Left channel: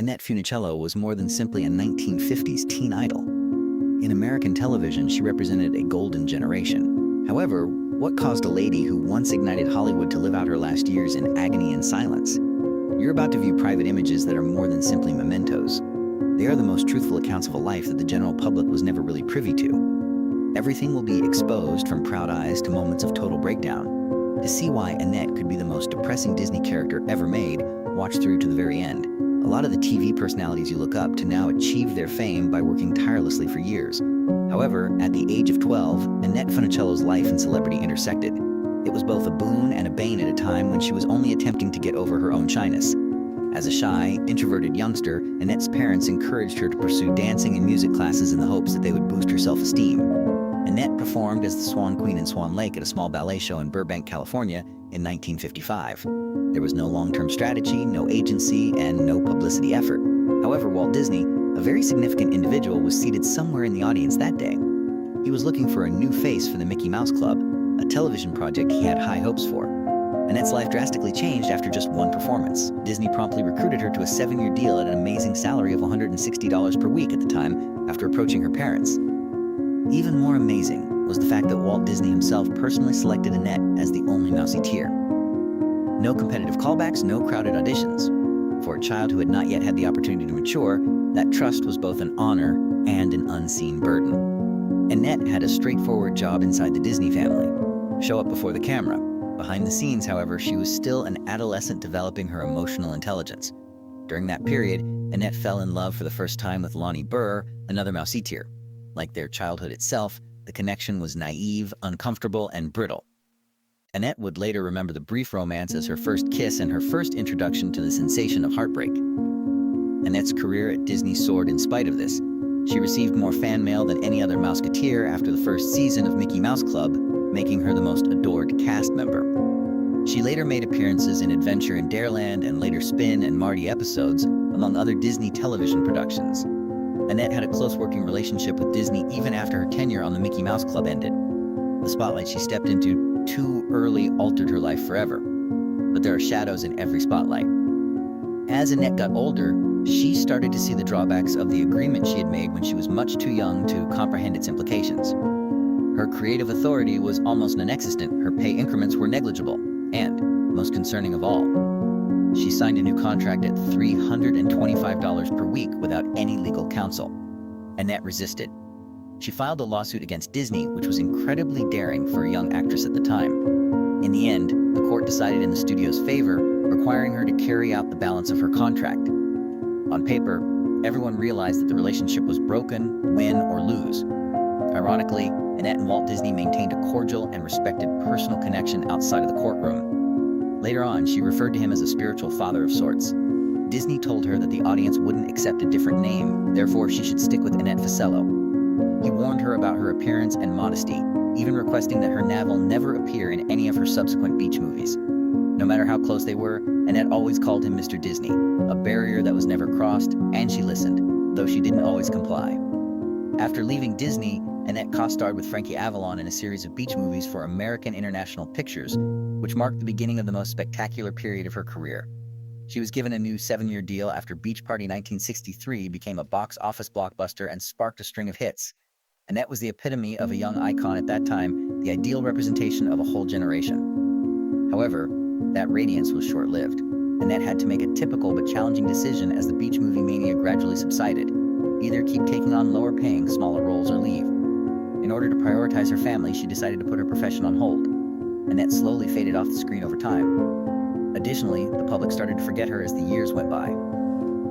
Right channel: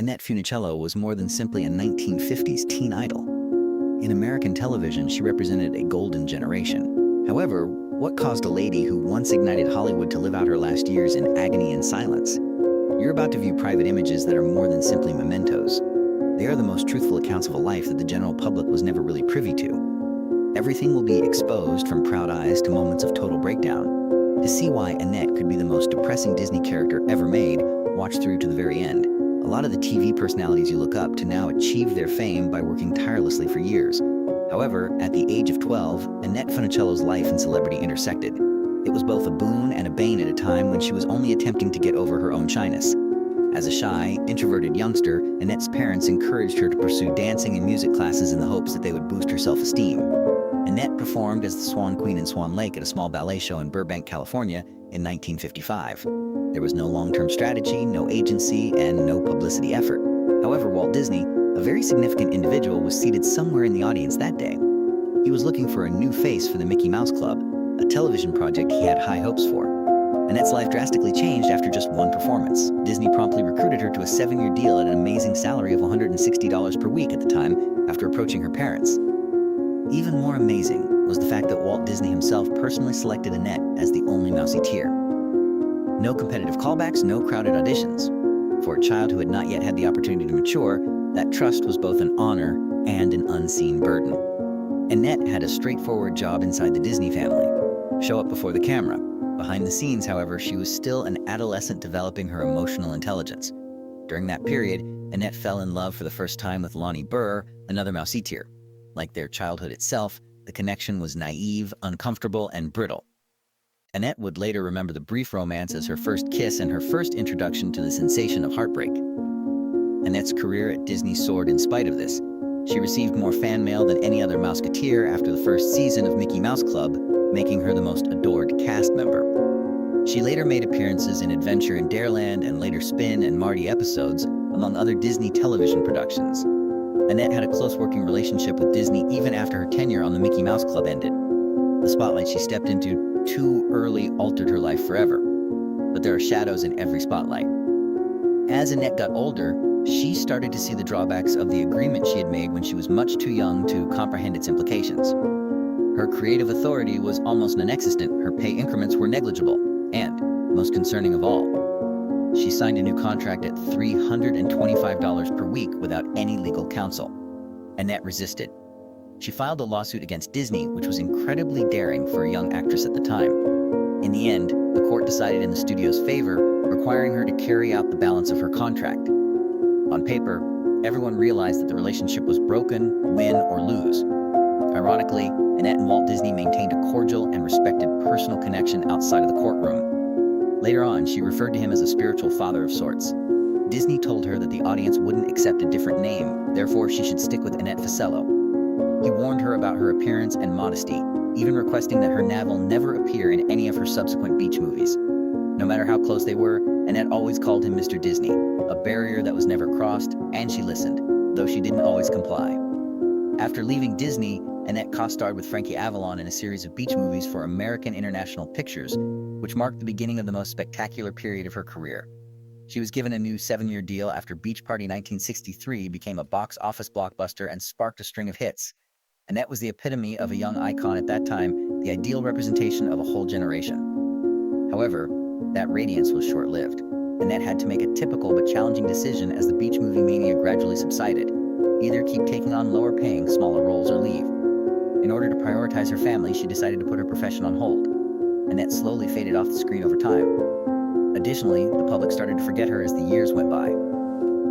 Annette Funicello was more than simply a 1950s teen idol. In American television, she represented a golden generation. However, what caused a lady who once ignited Hollywood to live out her last years in agony and silence? You're about to view private images that are more than simply mementos. They are the most truthful accounts of a life that the general public was never really privy to. Everything will be exposed, from proud eyes to moments of total breakdown. To see why Annette could be the most depressing Disney character ever made, watch through to the very end. A lot of the TV personalities you look up to now achieve their fame by working tirelessly for years. However, at the age of 12, Annette Funicello's life and celebrity intersected. It was both a boon and a bane at a time when she was only attempting to get over her own shyness. As a shy, introverted youngster, Annette's parents encouraged her to pursue dancing and music classes in the hopes that they would boost her self-esteem. Annette performed as the Swan Queen in Swan Lake at a small ballet show in Burbank, California in 1955. There was no long-term strategy, no agency, and no publicity effort. However, Walt Disney, a very significant individual, was seated somewhere in the audience that day. He was looking for a new face for the Mickey Mouse Club, a television project he had high hopes for. Annette's life drastically changed after just one performance. Disney promptly recruited her to a 7-year deal at an amazing salary of $160 per week at the time, after approaching her parents. Even more amazing was the fact that Walt Disney himself personally selected Annette as the only Mouseketeer. No competitive callbacks, no crowded auditions. For a child who had not yet had the opportunity to mature, that trust was both an honor and an unseen burden. Annette had a straightforward job inside the Disney family: show up before the camera. Behind the scenes, however, she was still an adolescent developing her emotional intelligence. During that period, Annette fell in love for the first time with Lonnie Burr, another Mouseketeer. Like their childhood itself, the connection was naive, uncomfortable, and brittle. Annette would later remember the brief romance as her first kiss and her first introduction to the sensation of heartbreak. Annette's career at Disney soared in spite of this. She received more fan mail than any other Mouseketeer after the first season of Mickey Mouse Club, making her the most adored cast member. She later made appearances in Adventure in Dareland and later Spin and Marty episodes, among other Disney television productions. Annette had a close working relationship with Disney even after her tenure on the Mickey Mouse Club ended. The spotlight she stepped into too early altered her life forever. But there are shadows in every spotlight. As Annette got older, she started to see the drawbacks of the agreement she had made when she was much too young to comprehend its implications. Her creative authority was almost non-existent, her pay increments were negligible, and, most concerning of all, she signed a new contract at $325 per week without any legal counsel. Annette resisted. She filed a lawsuit against Disney, which was incredibly daring for a young actress at the time. In the end, the court decided in the studio's favor, requiring her to carry out the balance of her contract. On paper, everyone realized that the relationship was broken, win or lose. Ironically, Annette and Walt Disney maintained a cordial and respected personal connection outside of the courtroom. Later on, she referred to him as a spiritual father of sorts. Disney told her that the audience wouldn't accept a different name, therefore she should stick with Annette Funicello. He warned her about her appearance and modesty, even requesting that her navel never appear in any of her subsequent beach movies. No matter how close they were, Annette always called him Mr. Disney, a barrier that was never crossed, and she listened, though she didn't always comply. After leaving Disney, Annette co-starred with Frankie Avalon in a series of beach movies for American International Pictures, which marked the beginning of the most spectacular period of her career. She was given a new 7-year deal after Beach Party 1963 became a box office blockbuster and sparked a string of hits. Annette was the epitome of a young icon at that time, the ideal representation of a whole generation. However, that radiance was short-lived. Annette had to make a typical but challenging decision as the beach movie mania gradually subsided. Either keep taking on lower-paying, smaller roles or leave. In order to prioritize her family, she decided to put her profession on hold. Annette slowly faded off the screen over time. Additionally, the public started to forget her as the years went by.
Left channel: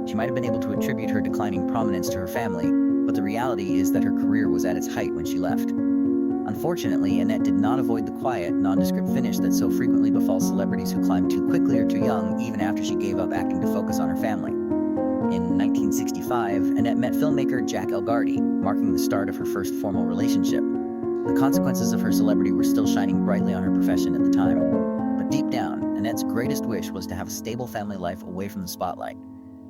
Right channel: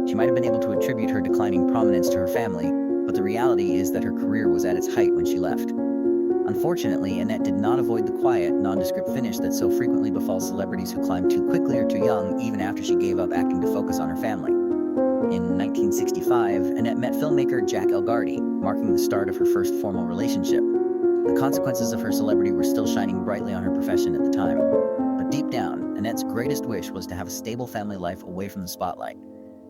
She might have been able to attribute her declining prominence to her family, but the reality is that her career was at its height when she left. Unfortunately, Annette did not avoid the quiet, nondescript finish that so frequently befalls celebrities who climb too quickly or too young, even after she gave up acting to focus on her family. In 1965, Annette met filmmaker Jack Elgarty, marking the start of her first formal relationship. The consequences of her celebrity were still shining brightly on her profession at the time. But deep down, Annette's greatest wish was to have a stable family life away from the spotlight.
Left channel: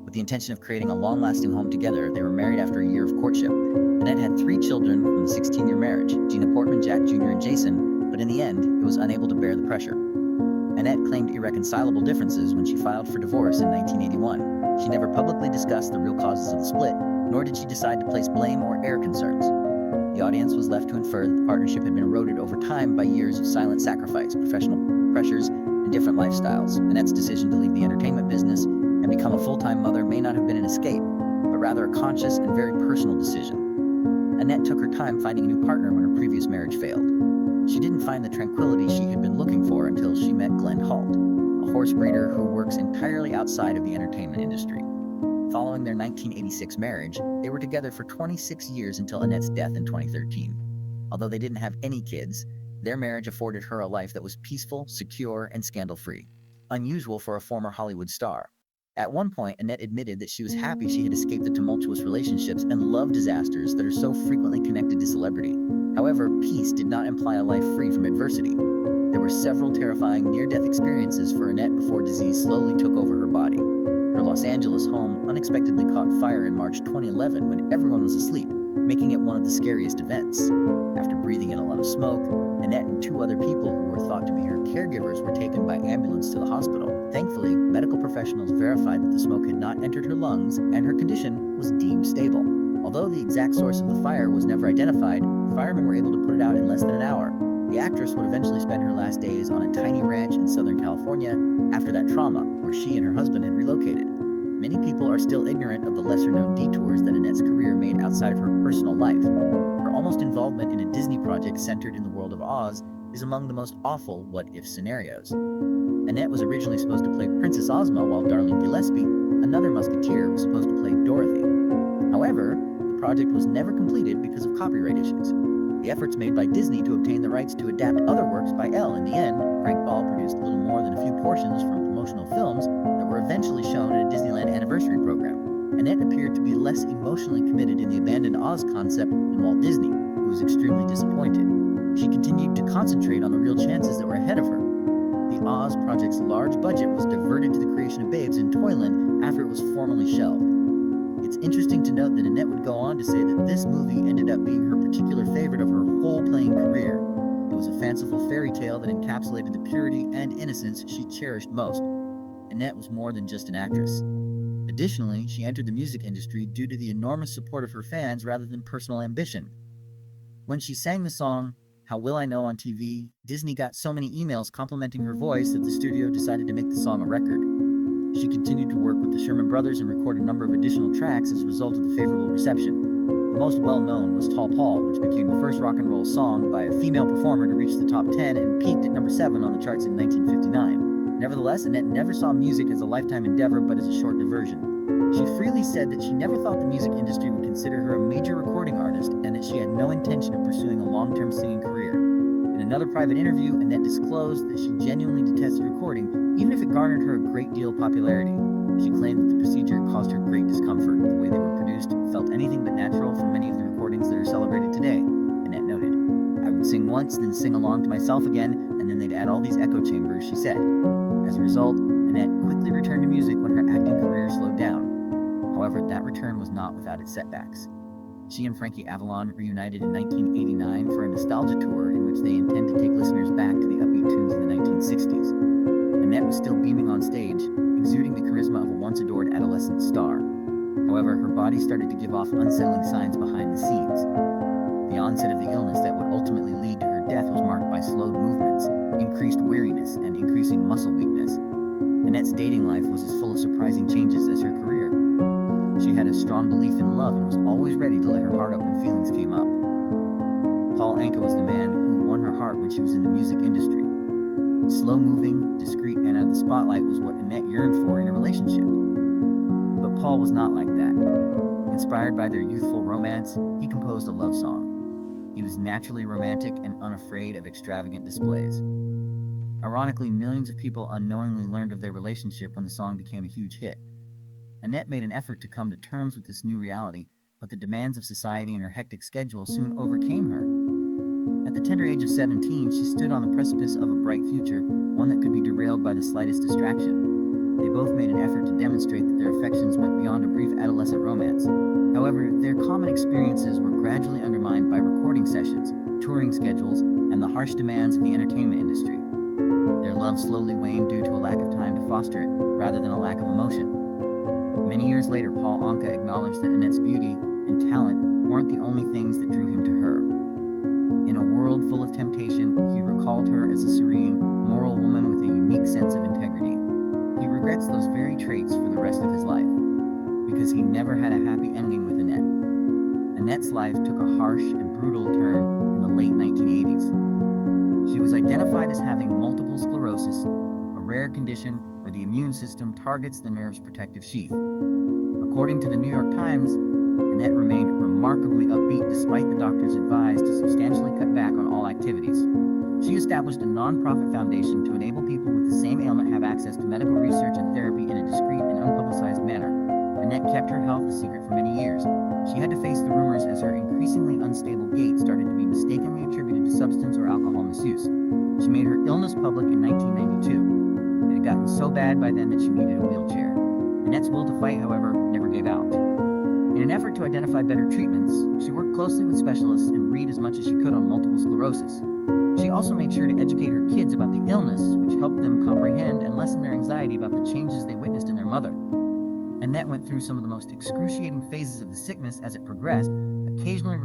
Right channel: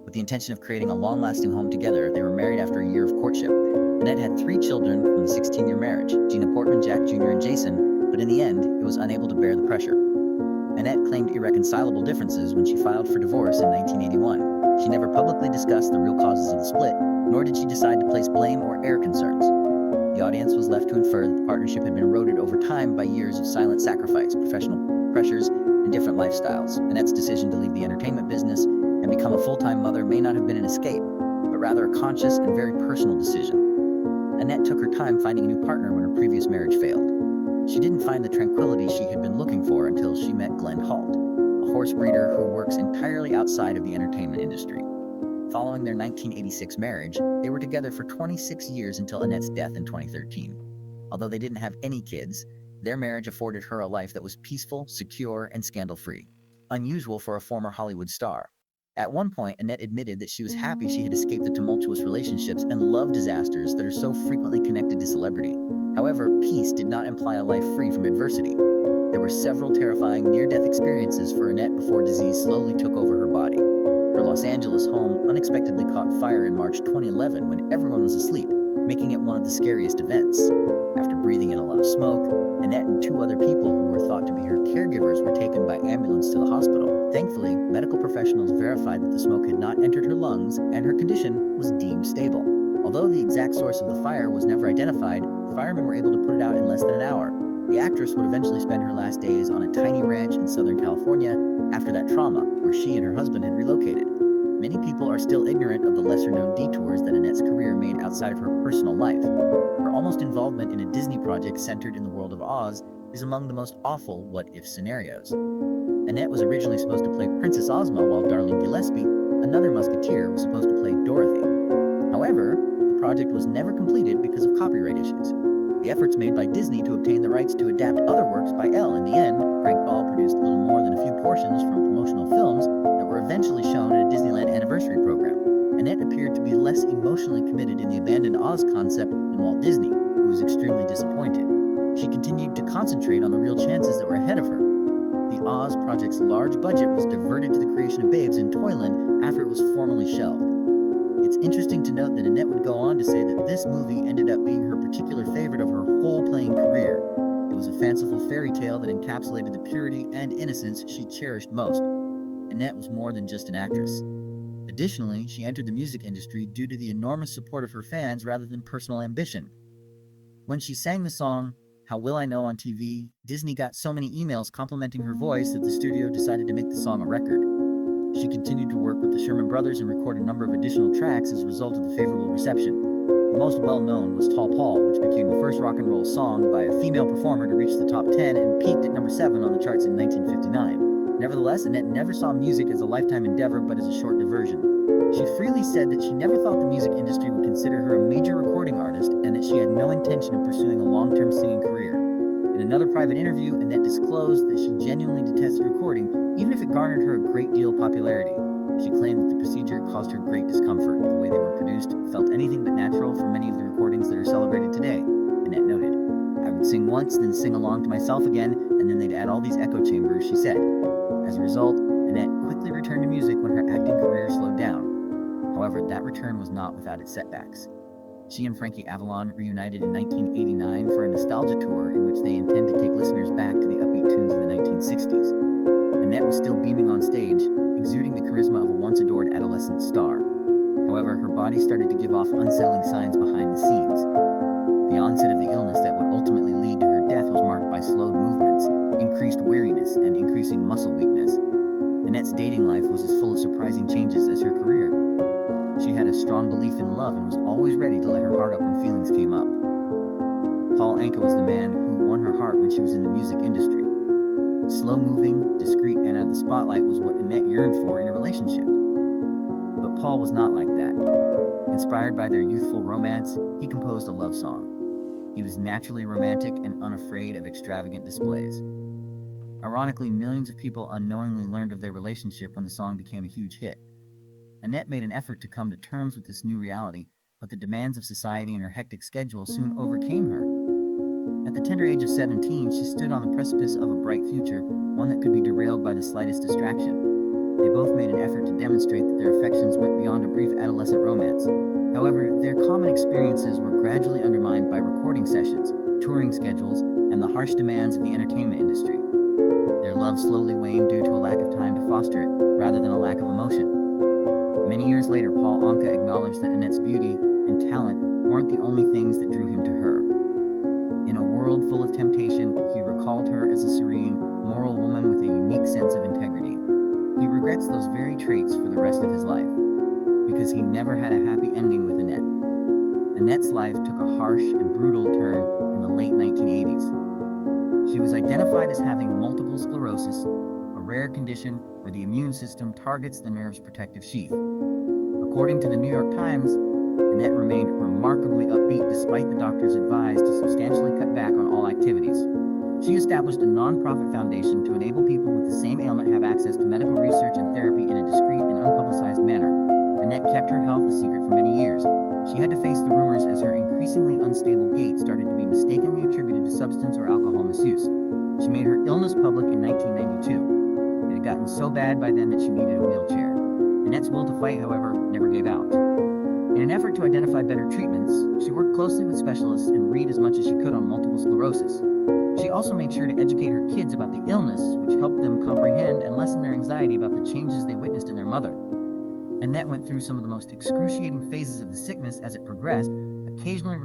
With the intention of creating a long-lasting home together, they were married after a year of courtship. Annette had 3 children from the 16-year marriage, Gina Portman, Jack Jr., and Jason, but in the end, it was unable to bear the pressure. Annette claimed irreconcilable differences when she filed for divorce in 1981. She never publicly discussed the real causes of the split, nor did she decide to place blame or air concerns. The audience was left to infer that the partnership had been eroded over time by years of silent sacrifice, professional pressures, and different lifestyles. Annette's decision to leave the entertainment business and become a full-time mother may not have been an escape, but rather a conscious and very personal decision. Annette took her time finding a new partner when her previous marriage failed. She didn't find the tranquility she had been looking for until she met Glenn Holt, a horse breeder who works entirely outside of the entertainment industry. Following their 1986 marriage, they were together for 26 years until Annette's death in 2013. Although they didn't have any kids, their marriage afforded her a life that was peaceful, secure, and scandal-free, unusual for a former Hollywood star. At one point, Annette admitted that she was happy she had escaped the tumultuous relationships and love disasters that are so frequently connected to celebrity. However, peace did not imply a life free from adversity. There were several terrifying near-death experiences for Annette before disease slowly took over her body. Her Los Angeles home unexpectedly caught fire in March 2011 when everyone was asleep, making it one of the scariest events. After breathing in a lot of smoke, Annette and two other people who were thought to be her caregivers were taken by ambulance to the hospital. Thankfully, medical professionals verified that the smoke had not entered her lungs and her condition was deemed stable. Although the exact source of the fire was never identified, firemen were able to put it out in less than an hour. The actress would eventually spend her last days on a tiny ranch in Southern California after that trauma, where she and her husband had relocated. Many people are still ignorant of the lesser-known detours that Annette's career made outside of her personal life. Her almost involvement in a Disney project centered in the world of Oz is among the most awful what-if scenarios. Annette was originally supposed to play Princess Ozma, while Darlene Gillespie, another Musketeer, was supposed to play Dorothy. However, the project was never completed because of copyright issues. The efforts made by Disney to obtain the rights to adapt other works by Elle. In the end, Frank Ball produced little more than a few portions from promotional films that were eventually shown at a Disneyland anniversary program. Annette appeared to be less emotionally committed in the abandoned Oz concept than Walt Disney, who was extremely disappointed. She continued to concentrate on the real chances that were ahead of her. The Oz project's large budget was diverted to the creation of Babes in Toyland after it was formally shelved. It's interesting to note that Annette would go on to say that this movie ended up being her particular favorite of her whole playing career. It was a fanciful fairy tale that encapsulated the purity and innocence she cherished most. Annette was more than just an actress. Additionally, she entered the music industry due to the enormous support of her fans rather than personal ambition. When she sang the song, How Will I Know on TV, Disney got so many emails complimenting her voice that the studio decided to make the song a record. She continued to work with the Sherman Brothers and record a number of additional tracks as a result of the favorable reception. The most well-known was Tall Paul, which became the first rock and roll song by a female performer to reach the top 10 and peaked at number 7 on the charts in 1959. Nevertheless, Annette never saw music as a lifetime endeavor, but as a short diversion. She freely said that she never thought the music industry would consider her a major recording artist and that she had no intention of pursuing a long-term singing career. In another private interview, Annette disclosed that she genuinely detested recording, even if it garnered her a great deal of popularity. She claimed that the procedure caused her great discomfort. The way they were produced felt anything but natural for many of the recordings that are celebrated today, Annette noted. I would sing once, then sing along to myself again, and then they'd add all these echo chambers, she said. As a result, Annette quickly returned to music when her acting career slowed down. However, that return was not without its setbacks. She and Frankie Avalon reunited in 1989 for a nostalgia tour in which they intend to take listeners back to the upbeat tunes of the 1960s. Annette was still beaming on stage, exuding the charisma of a once-adored adolescent star. However, her body started to give off unsettling signs behind the scenes. The onset of the illness that would ultimately lead to her death was marked by slowed movements, increased weariness, and increasing muscle weakness. Annette's dating life was as full of surprising changes as her career. She had a strong belief in love and was always ready to let her heart up when feelings came up. Paul Anka was the man who won her heart when she was in the music industry. Slow-moving, discreet, and out of the spotlight was what Annette yearned for in a relationship. But Paul was not like that. Inspired by their youthful romance, he composed a love song. He was naturally romantic and unafraid of extravagant displays. Ironically, millions of people unknowingly learned of their relationship when the song became a huge hit. Annette made an effort to come to terms with this new reality, but the demands of society and her hectic schedule soon overcame her. At the tender age of 17, she stood on the precipice of a bright future, one that could be derailed by the slightest distraction. They both made an effort to demonstrate that their affections went beyond a brief adolescent romance. However, their common experiences were gradually undermined by recording sessions, touring schedules, and the harsh demands of the entertainment industry. Their love slowly waned due to a lack of time to foster it, rather than a lack of emotion. Many years later, Paul Anka acknowledged that Annette's beauty and talent weren't the only things that drew him to her. In a world full of temptation, he recalled her as a serene, moral woman with a unique sense of integrity. He regrets those very traits for the rest of his life, because he never had a happy ending with Annette. Annette's life took a harsh and brutal turn in the late 1980s. She was identified as having multiple sclerosis, a rare condition where the immune system targets the nerve's protective sheath. According to the New York Times, Annette remained remarkably upbeat despite the doctors advised to substantially cut back on all activities. She established a non-profit foundation to enable people with the same ailment have access to medical research and therapy in a discreet and unpublicized manner. Annette kept her health a secret for many years. She had to face the rumors as her increasingly unstable gait started to be mistakenly attributed to substance or alcohol misuse. She made her illness public in 1992. It had gotten so bad by then that she needed a wheelchair. Annette's will to fight, however, never gave out. In an effort to identify better treatments, she worked closely with specialists and read as much as she could on multiple sclerosis. She also made sure to educate her kids about the illness, which helped them comprehend and lessen their anxiety about the changes they witnessed in their mother. Annette went through some of the most excruciating phases of the sickness as it progressed, occasionally